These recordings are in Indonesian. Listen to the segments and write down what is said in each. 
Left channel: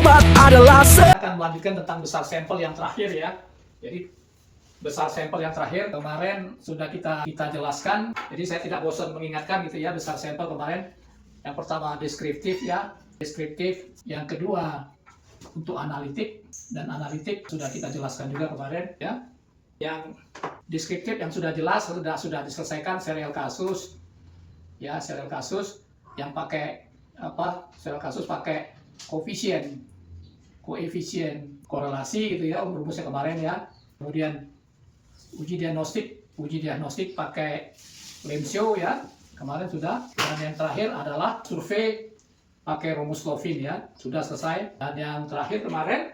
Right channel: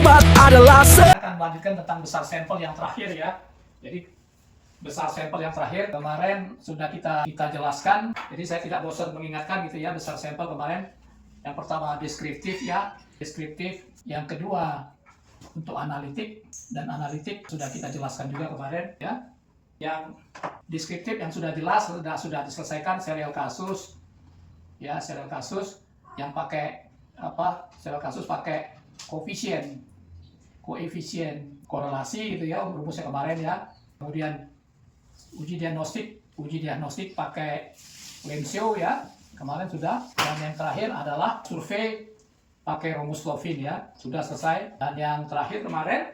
obat adalah akan melanjutkan tentang besar sampel yang terakhir ya. Jadi besar sampel yang terakhir kemarin sudah kita jelaskan. Jadi saya tidak bosan mengingatkan gitu ya, besar sampel kemarin. Yang pertama deskriptif ya, deskriptif. Yang kedua untuk analitik, dan analitik sudah kita jelaskan juga kemarin ya. Yang deskriptif yang sudah jelas sudah diselesaikan, serial kasus ya, serial kasus yang pakai apa? Serial kasus pakai koefisien korelasi gitu ya, rumusnya kemarin ya. Kemudian uji diagnostik pakai Lemshow ya, kemarin sudah. Dan yang terakhir adalah survei pakai rumus Lovin ya, sudah selesai. Dan yang terakhir kemarin,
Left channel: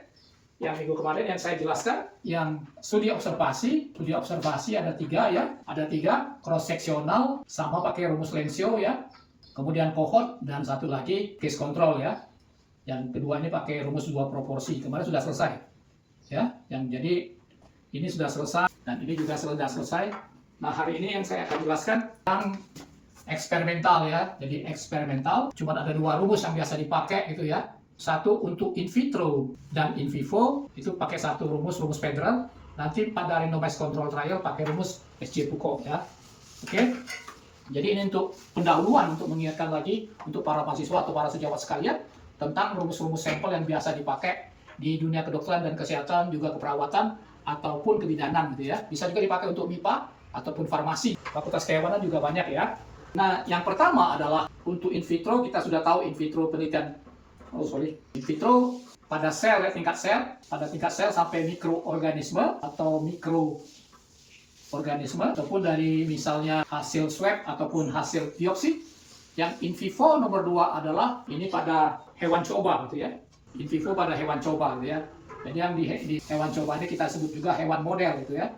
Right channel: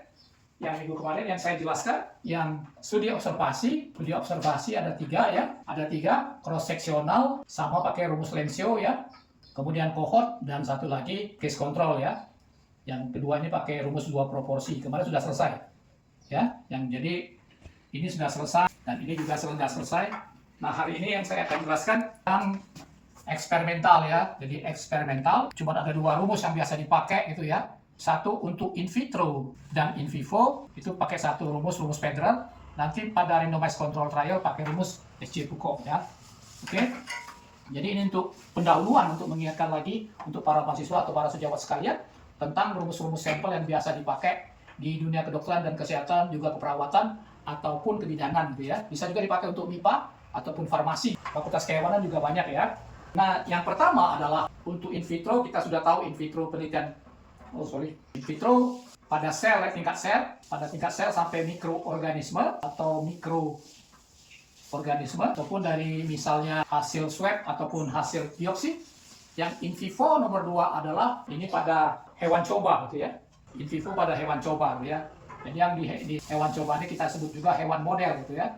yang minggu kemarin yang saya jelaskan, yang studi observasi ada 3 ya, ada 3 cross sectional sama pakai rumus Lemshow ya, kemudian cohort, dan satu lagi case control ya. Yang kedua ini pakai rumus 2 proporsi, kemarin sudah selesai ya. Yang jadi ini sudah selesai dan ini juga sudah selesai. Nah, hari ini yang saya akan jelaskan tentang eksperimental ya. Jadi eksperimental cuma ada 2 rumus yang biasa dipakai gitu ya. Satu untuk in vitro dan in vivo itu pakai satu rumus Federal. Nanti pada randomized control trial pakai rumus SJ-Pucko ya. Oke. Jadi ini untuk pendahuluan, untuk mengingatkan lagi untuk para mahasiswa atau para sejawat sekalian tentang rumus-rumus sampel yang biasa dipakai di dunia kedokteran dan kesehatan, juga keperawatan ataupun kebidanan gitu ya. Bisa juga dipakai untuk MIPA ataupun farmasi. Fakultas kehewanan juga banyak ya. Nah, yang pertama adalah untuk in vitro. Kita sudah tahu in vitro penelitian in vitro pada sel ya, pada tingkat sel sampai mikroorganisme atau mikroorganisme, ataupun dari misalnya hasil swab ataupun hasil biopsi. Yang in vivo nomor 2 adalah ini pada hewan coba gitu ya. In vivo pada hewan coba gitu ya. Jadi yang di hewan coba ini kita sebut juga hewan model gitu ya.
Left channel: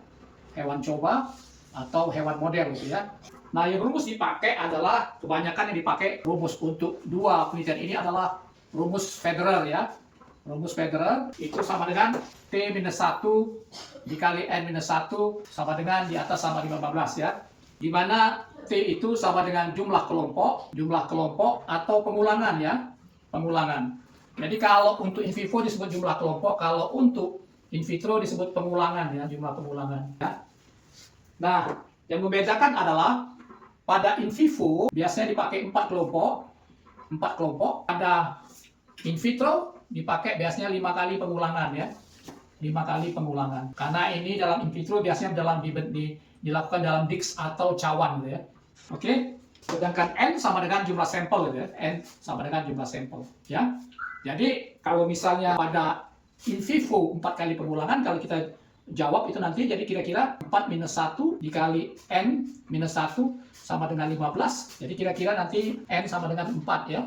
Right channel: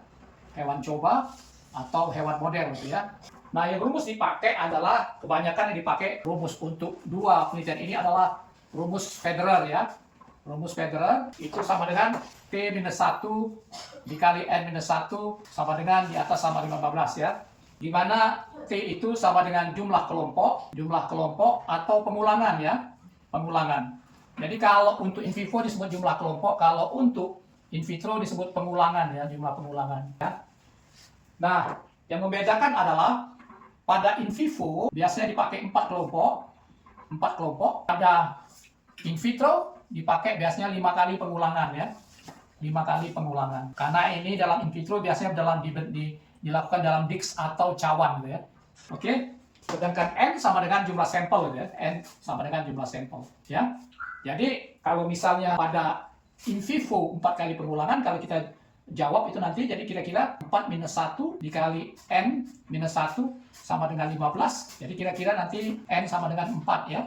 Hewan coba atau hewan model gitu ya. Nah, yang rumus dipakai adalah kebanyakan yang dipakai rumus untuk 2 penelitian ini adalah rumus Federer ya. Rumus Federer itu sama dengan T-1 dikali N-1 sama dengan di atas sama 15 ya. Di mana T itu sama dengan jumlah kelompok atau pengulangan ya, pengulangan. Jadi kalau untuk in vivo disebut jumlah kelompok, kalau untuk in vitro disebut pengulangan ya, jumlah pengulangan ya. Nah, yang membedakan adalah pada in vivo biasanya dipakai 4 kelompok. Pada in vitro dipakai biasanya 5 kali pengulangan ya. 5 kali pengulangan. Karena ini dalam in vitro biasanya dilakukan dalam disk atau cawan gitu ya. Oke. Sedangkan N sama dengan jumlah sampel gitu ya. N sama dengan jumlah sampel ya. Jadi kalau misalnya pada in vivo 4 kali pengulangan, kalau kita jawab itu nanti jadi kira-kira 4 minus 1 dikali N minus 1 sama dengan 15. Jadi kira-kira nanti N sama dengan 4 ya.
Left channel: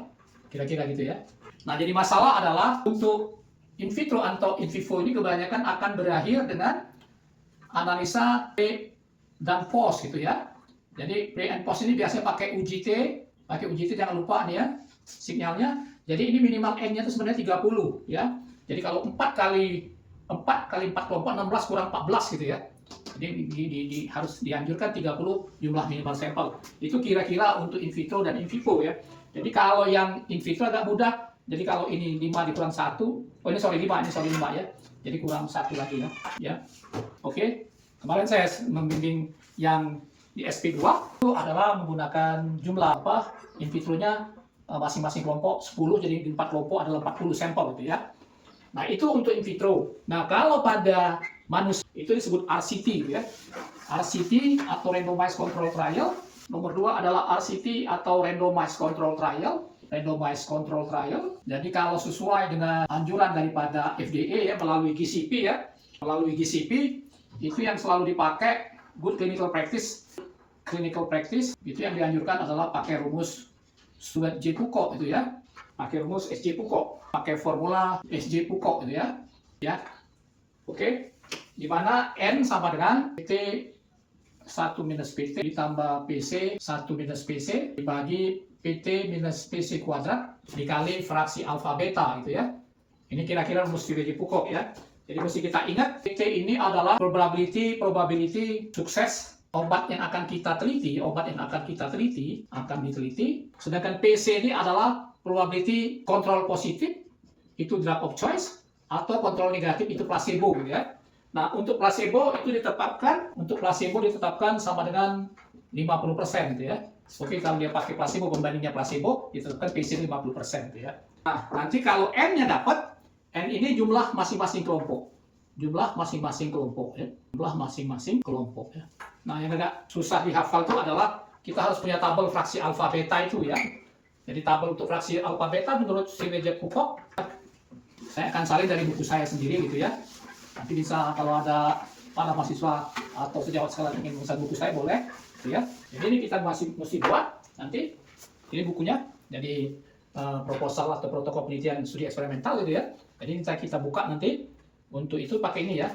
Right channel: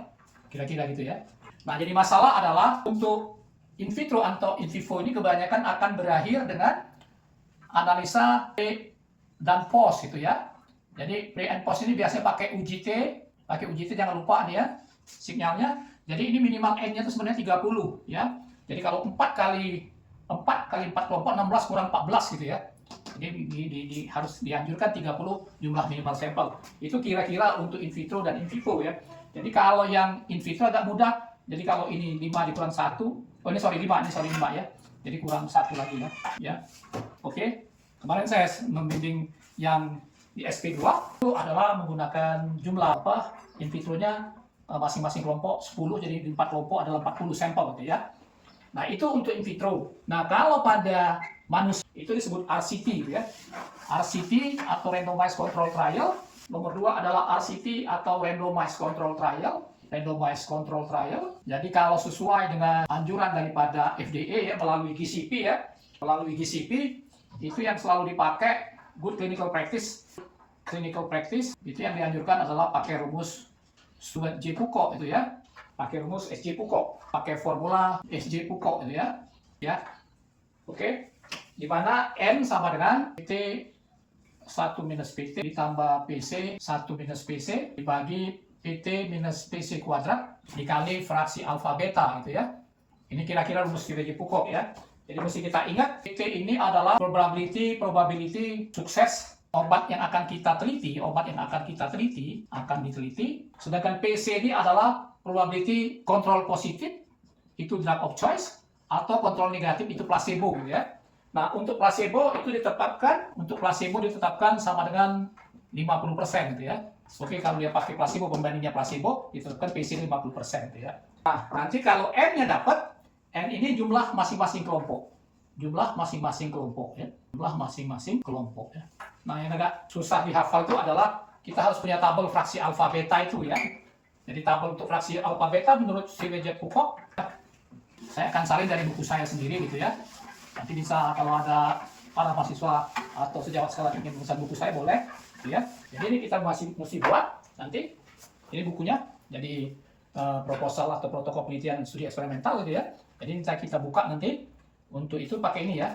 Kira-kira gitu ya. Nah, jadi masalah adalah untuk in vitro atau in vivo ini kebanyakan akan berakhir dengan analisa pre dan post gitu ya. Jadi pre and post ini biasanya pakai UJT jangan lupa dia sinyalnya. Jadi ini minimal N-nya itu sebenarnya 30 ya. Jadi kalau 4 kali 4 kelompok 16 kurang 14 gitu ya. Jadi harus dianjurkan 30 jumlah minimal sampel. Itu kira-kira untuk in vitro dan in vivo ya. Jadi kalau yang in vitro agak mudah. Jadi kalau ini 5 dikurang 1, ini 5 ya. Jadi kurang 1 lagi ya. Ya. Oke. Kemarin saya membimbing yang di SP2 itu adalah menggunakan jumlah in vitronya masing-masing kelompok 10, jadi 4 kelompok adalah 40 sampel gitu ya. Nah, itu untuk in vitro. Nah, kalau pada manusia itu disebut RCT gitu ya. RCT atau randomized control trial. Nomor 2 adalah RCT atau randomized control trial. Jadi kalau sesuai dengan anjuran daripada FDA ya, melalui GCP ya. Melalui GCP itu yang selalu dipakai good clinical practice itu yang dianjurkan adalah pakai rumus SJ-Pucko itu ya. Pakai rumus SJ-Pucko, pakai formula SJ-Pucko itu ya. Ya. Oke. Di mana N sama dengan PT 1 minus PT ditambah PC 1 minus PC dibagi PT minus PC kuadrat dikali fraksi alfa beta gitu ya. Ini kira-kira rumus SJ-Pucko ya. Jadi mesti kita ingat PT ini adalah probability sukses obat yang akan kita teliti, akan diteliti. Sedangkan PC ini adalah probability kontrol positif itu drug of choice, atau kontrol negatif itu placebo gitu ya. Nah, untuk placebo ditetapkan sama dengan 50% gitu ya. Oke, kalau dia pakai placebo, pembandingnya placebo, ditetapkan PC 50% gitu ya. Nah, nanti kalau N-nya dapat, N ini jumlah masing-masing kelompok. Jumlah masing-masing kelompok ya. Jumlah masing-masing kelompok ya. Nah, yang agak susah dihafal itu adalah kita harus punya tabel fraksi alfa beta itu ya. Jadi tabel untuk fraksi alfa beta menurut si W.J. Pocock, saya akan salin dari buku saya sendiri gitu ya. Nanti bisa kalau ada para mahasiswa atau sejawat sekalian ingin memesan buku saya boleh gitu ya. Jadi ini kita masih mesti buat nanti. Ini bukunya. Jadi proposal atau protokol penelitian studi eksperimental gitu ya. Jadi kita buka nanti. Untuk itu pakai ini ya,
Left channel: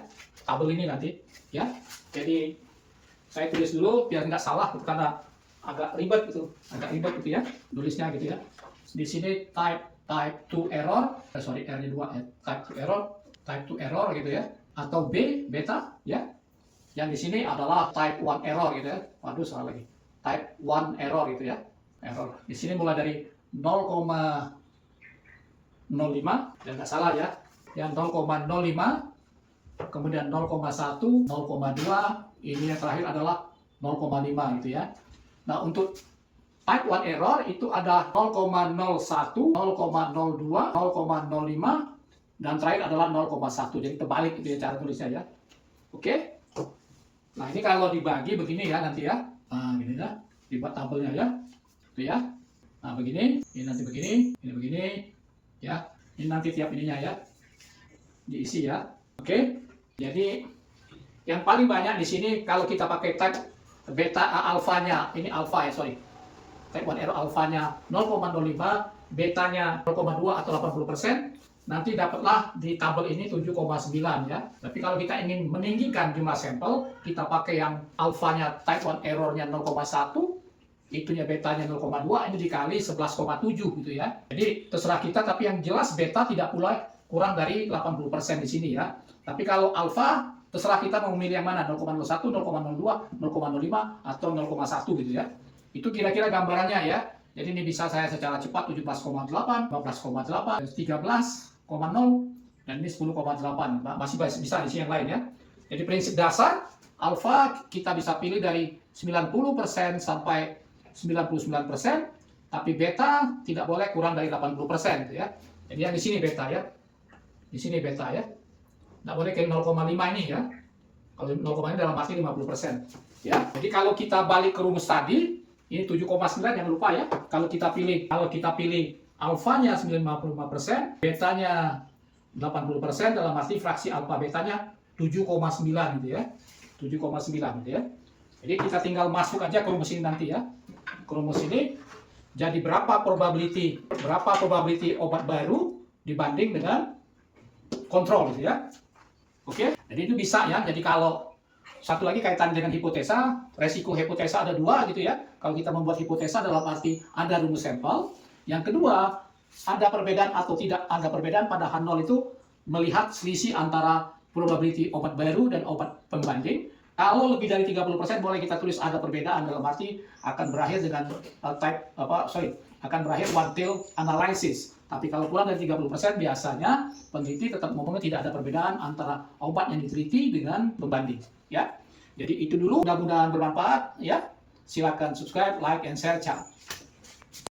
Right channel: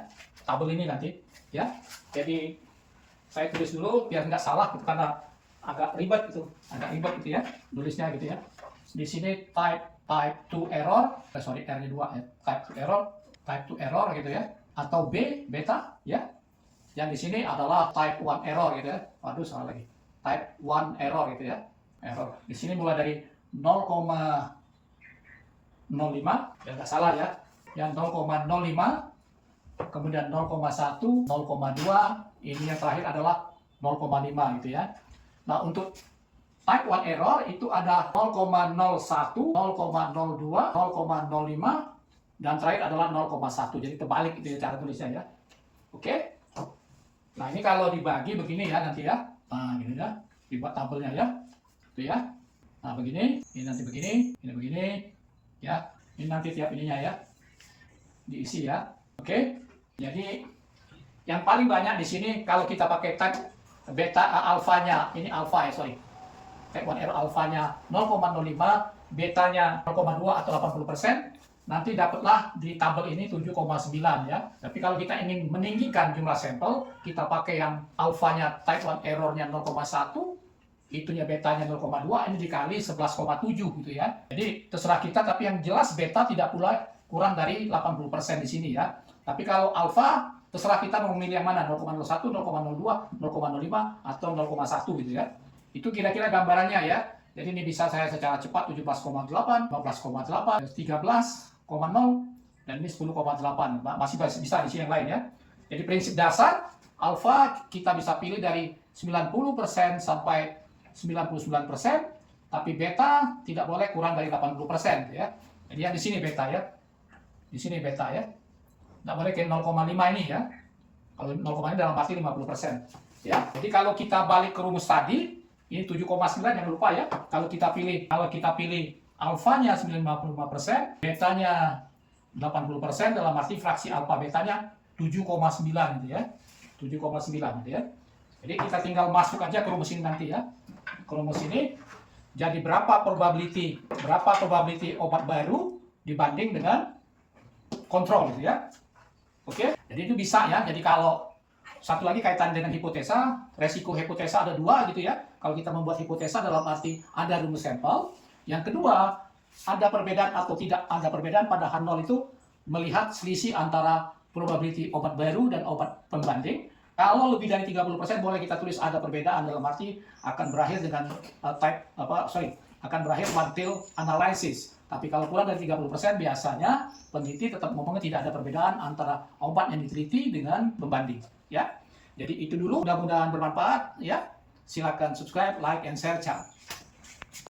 tabel ini nanti ya. Jadi saya tulis dulu biar nggak salah gitu, karena agak ribet gitu ya tulisnya gitu ya. Di sini type 2 error, R-nya 2 ya, type 2 error gitu ya, atau B beta ya. Yang di sini adalah type 1 error gitu ya. Waduh, salah lagi. Type 1 error gitu ya. Error. Di sini mulai dari 0,05 dan nggak salah ya. Yang 0,05, kemudian 0,1, 0,2, ini yang terakhir adalah 0,5 gitu ya. Nah, untuk type 1 error itu ada 0,01, 0,02, 0,05, dan terakhir adalah 0,1. Jadi terbalik itu ya cara tulisnya ya. Oke. Nah, ini kalau dibagi begini ya nanti ya. Nah, gini ya. Dibuat tabelnya ya. Itu ya. Nah, begini, ini nanti begini, ini begini ya. Ini nanti tiap ininya ya. Diisi ya. Oke. Jadi yang paling banyak di sini kalau kita pakai type beta alfanya, ini alfa ya, sorry. Type 1 error alfanya 0,05, betanya 0,2 atau 80%, nanti dapatlah di tabel ini 7,9 ya. Tapi kalau kita ingin meninggikan jumlah sampel, kita pakai yang alfanya type 1 errornya 0,1, itunya betanya 0,2, ini dikali 11,7 gitu ya. Jadi terserah kita, tapi yang jelas beta tidak pula kurang dari 80% di sini ya. Tapi kalau alfa, terserah kita mau memilih yang mana, 0,01, 0,02, 0,05, atau 0,1 gitu ya. Itu kira-kira gambarannya ya. Jadi ini bisa saya secara cepat 17,8, 15,8, 13,0, dan ini 10,8. Masih bisa di sini yang lain ya. Jadi prinsip dasar, alfa kita bisa pilih dari 90% sampai 99%, tapi beta tidak boleh kurang dari 80% gitu ya. Jadi yang di sini beta ya. Di sini beta ya. Nggak boleh kayak 0,5 ini ya. Kalau 0,5 ini dalam arti 50%. Ya. Jadi kalau kita balik ke rumus tadi, ini 7,9 jangan lupa ya. Kalau kita pilih alfanya 95%, betanya 80%, dalam arti fraksi alfa betanya 7,9 gitu ya. 7,9 gitu ya. Jadi kita tinggal masuk aja ke rumus ini nanti ya. Ke rumus ini jadi berapa probability obat baru dibanding dengan kontrol gitu ya. Oke, jadi itu bisa ya. Jadi kalau satu lagi kaitan dengan hipotesa, resiko hipotesa ada dua gitu ya. Kalau kita membuat hipotesa dalam arti ada rumus sampel. Yang kedua, ada perbedaan atau tidak ada perbedaan pada H0 itu melihat selisih antara probability obat baru dan obat pembanding. Kalau lebih dari 30% boleh kita tulis ada perbedaan, dalam arti akan berakhir dengan akan berakhir one pill analysis. Tapi kalau kurang dari 30% biasanya peneliti tetap ngomongnya tidak ada perbedaan antara obat yang diteliti dengan pembanding ya. Jadi itu dulu, mudah-mudahan bermanfaat ya. Silakan subscribe, like, and share channel.